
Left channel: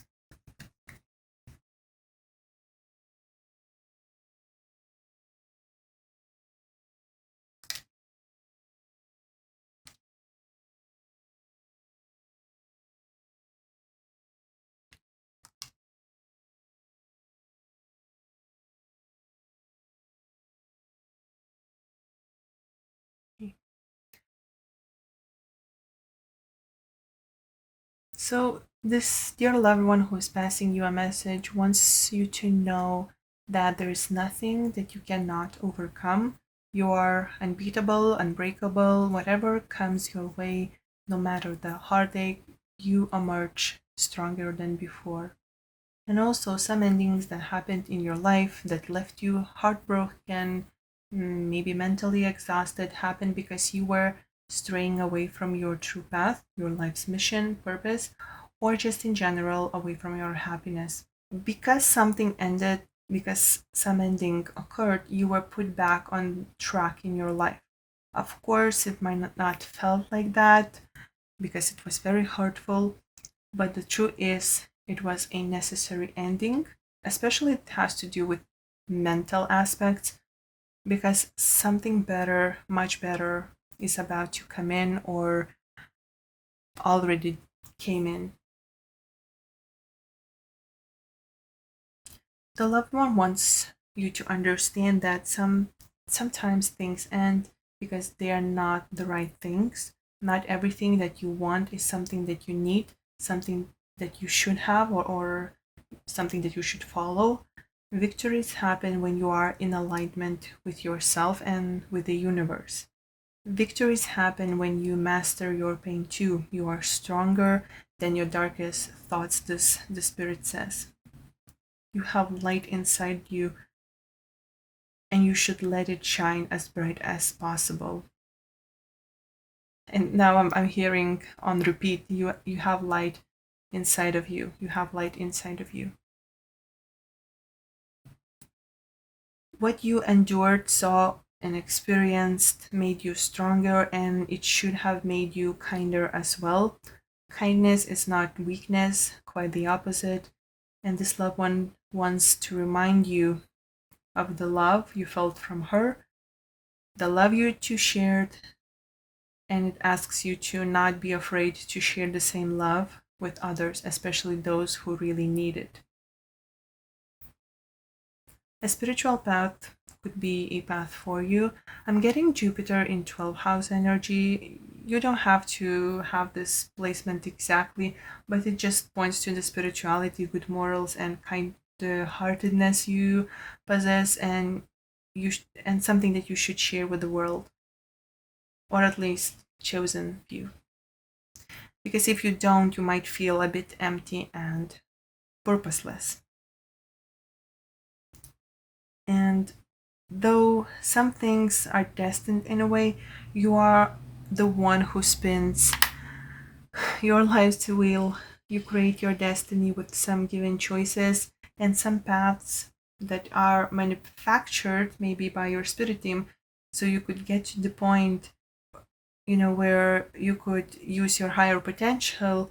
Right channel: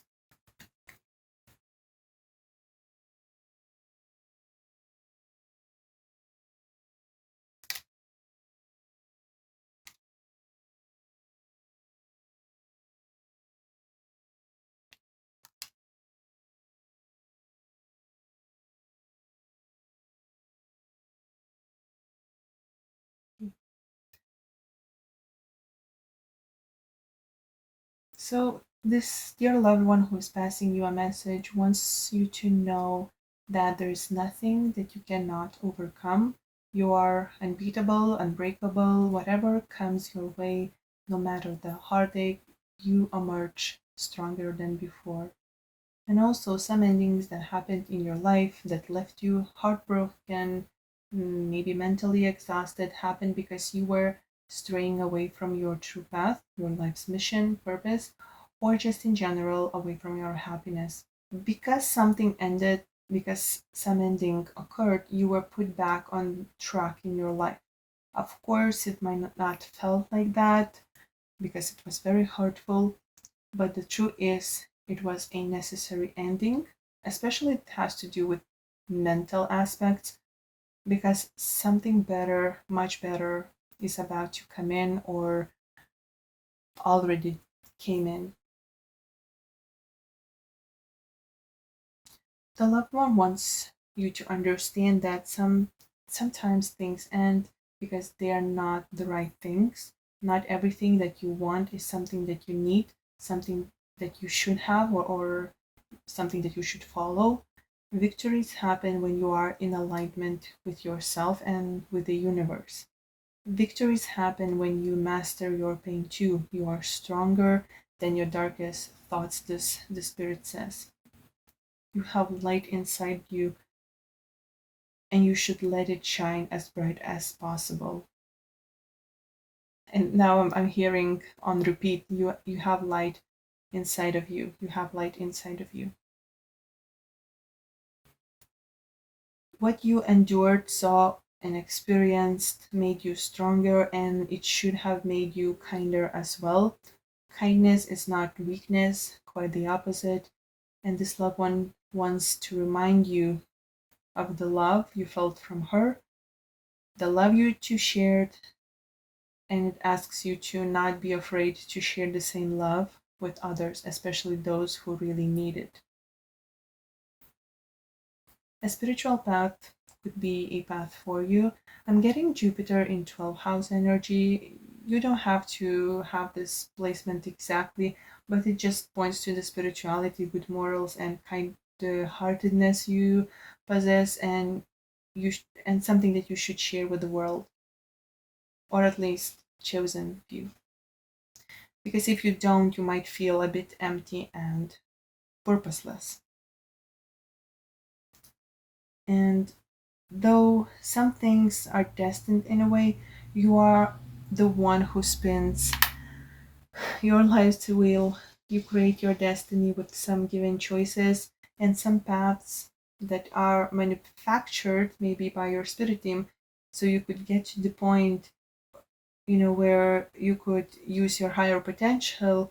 So, this dear loved one who is passing you a message wants you to know that there is nothing that you cannot overcome. You are unbeatable, unbreakable, whatever comes your way, no matter the heartache, you emerge stronger than before. And also, some endings that happened in your life that left you heartbroken, maybe mentally exhausted, happened because you were straying away from your true path, your life's mission, purpose, or just in general away from your happiness. Because something ended, because some ending occurred, you were put back on track in your life. Of course, it might not felt like that because it was very hurtful, but the truth is, it was a necessary ending, especially it has to do with mental aspects, because something better, much better, is about to come in or already came in. The loved one wants you to understand that sometimes things end because they are not the right things. Not everything that you want is something that you need, something that you should have, or something that you should follow. Victories happen when you are in alignment with yourself and with the universe. Victories happen when you master your pain too. You are stronger than your darkest thoughts, this the spirit says. You have light inside you and you should let it shine as bright as possible. And now I'm hearing on repeat, you have light inside of you. You have light inside of you. What you endured, saw, and experienced made you stronger, and it should have made you kinder as well. Kindness is not weakness, quite the opposite. And this loved one wants to remind you of the love you felt from her, the love you two shared, and it asks you to not be afraid to share the same love with others, especially those who really need it. A spiritual path would be a path for you. I'm getting Jupiter in 12th house energy. You don't have to have this placement exactly, but it just points to the spirituality, good morals, and kind heartedness you possess, and and something that you should share with the world, or at least chosen few. Because if you don't, you might feel a bit empty and purposeless. And though some things are destined in a way, you are the one who spins your life's wheel. You create your destiny with some given choices and some paths that are manufactured maybe by your spirit team. So you could get to the point, where you could use your higher potential.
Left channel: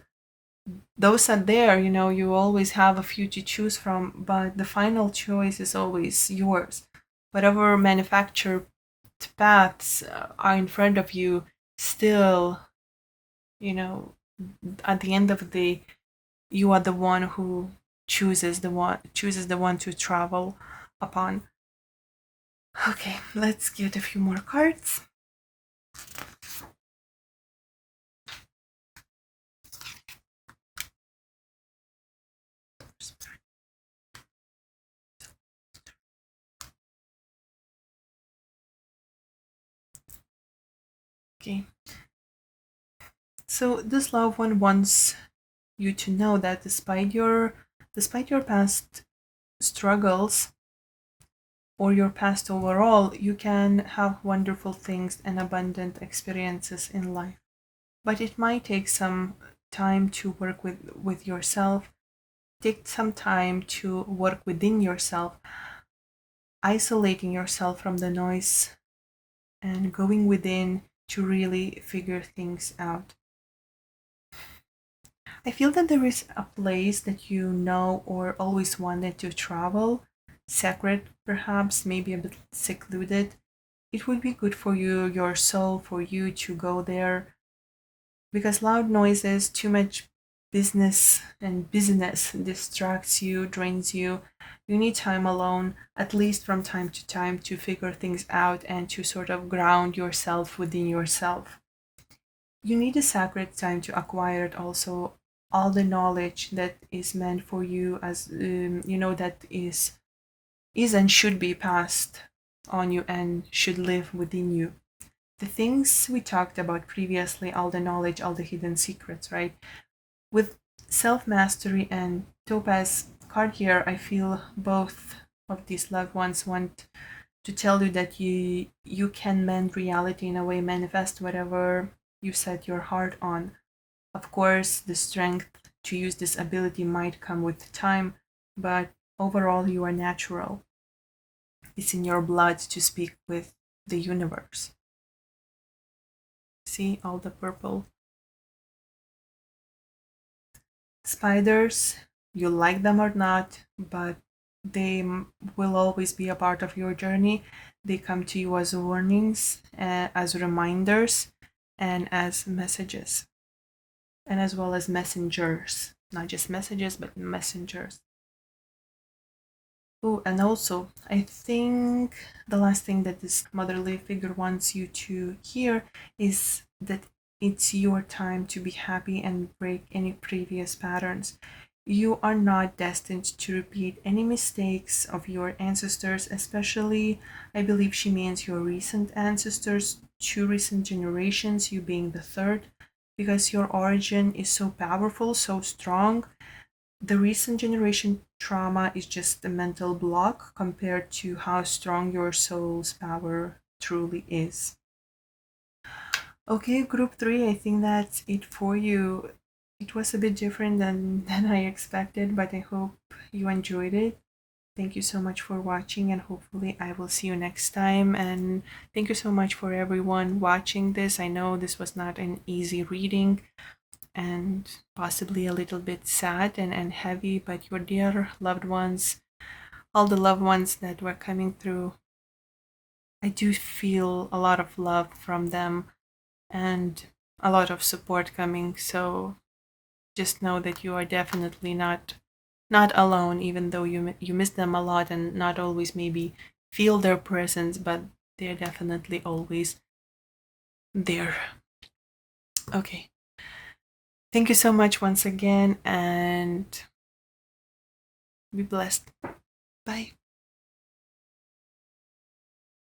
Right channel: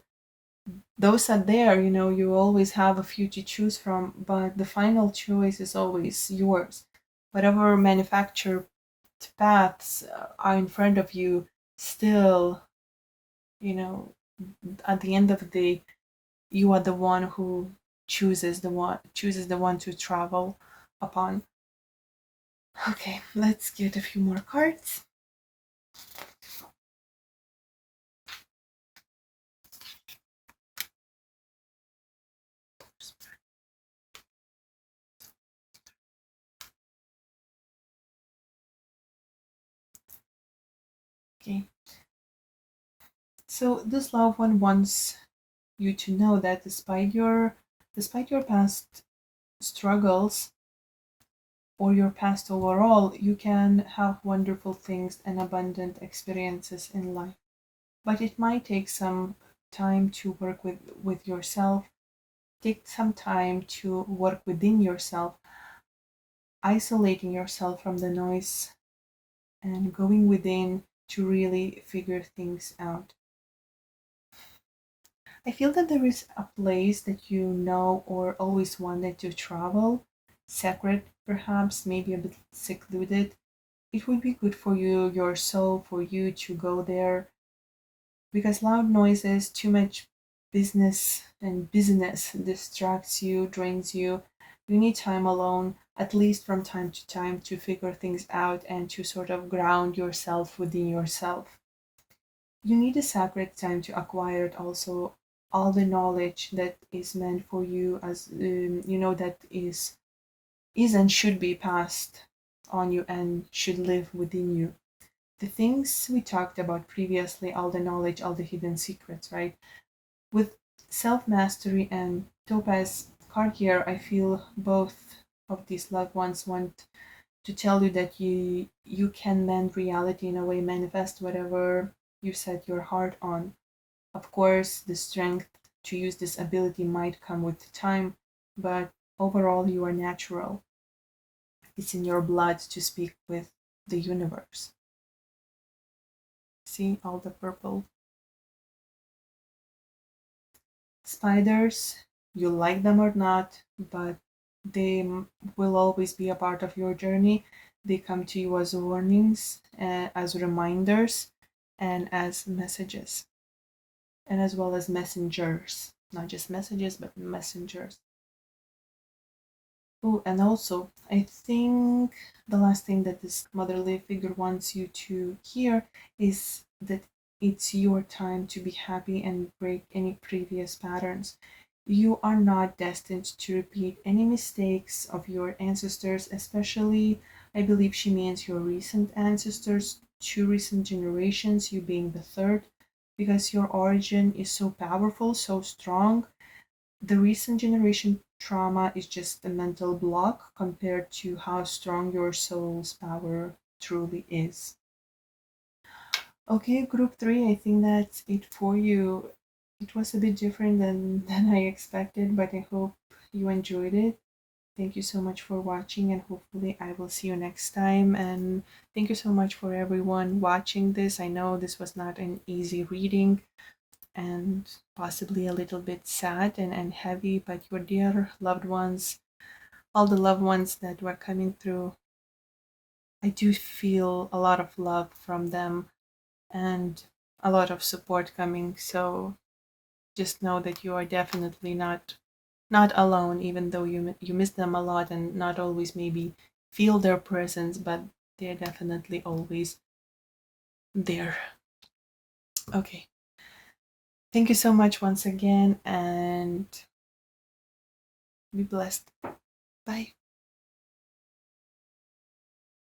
Those are there, you always have a few to choose from, but the final choice is always yours. Whatever manufactured paths are in front of you, still, you know at the end of the day, you are the one who chooses the one to travel upon. Okay, let's get a few more cards. Okay, so this loved one wants you to know that despite your past struggles or your past overall, you can have wonderful things and abundant experiences in life. But it might take some time to work with yourself, take some time to work within yourself, isolating yourself from the noise and going within to really figure things out. I feel that there is a place that you know or always wanted to travel, sacred perhaps, maybe a bit secluded. It would be good for you, your soul, for you to go there, because loud noises, too much business and busyness distracts you, drains you. You need time alone, at least from time to time, to figure things out and to sort of ground yourself within yourself. You need a sacred time to acquire it also, all the knowledge that is meant for you, as that is and should be passed on you and should live within you. The things we talked about previously, all the knowledge, all the hidden secrets, right? With self mastery and Topaz card here, I feel both of these loved ones want to tell you that you can mend reality, in a way, manifest whatever you set your heart on. Of course, the strength to use this ability might come with time, but overall, you are natural. It's in your blood to speak with the universe. See all the purple spiders, you like them or not, but they will always be a part of your journey. They come to you as warnings, as reminders, and as messages, and as well as messengers. Not just messages, but messengers. Oh, and also, I think the last thing that this motherly figure wants you to hear is that it's your time to be happy and break any previous patterns. You are not destined to repeat any mistakes of your ancestors, especially, I believe she means your recent ancestors, two recent generations, you being the third, because your origin is so powerful, so strong. The recent generation trauma is just a mental block compared to how strong your soul's power truly is. Okay, group three, I think that's it for you. It was a bit different than I expected, but I hope you enjoyed it. Thank you so much for watching, and hopefully I will see you next time. And thank you so much for everyone watching this. I know this was not an easy reading and possibly a little bit sad and heavy, but your dear loved ones, all the loved ones that were coming through, I do feel a lot of love from them and a lot of support coming. So just know that you are definitely not alone, even though you miss them a lot and not always maybe feel their presence, but they're definitely always there. Okay. Thank you so much once again, and be blessed. Bye.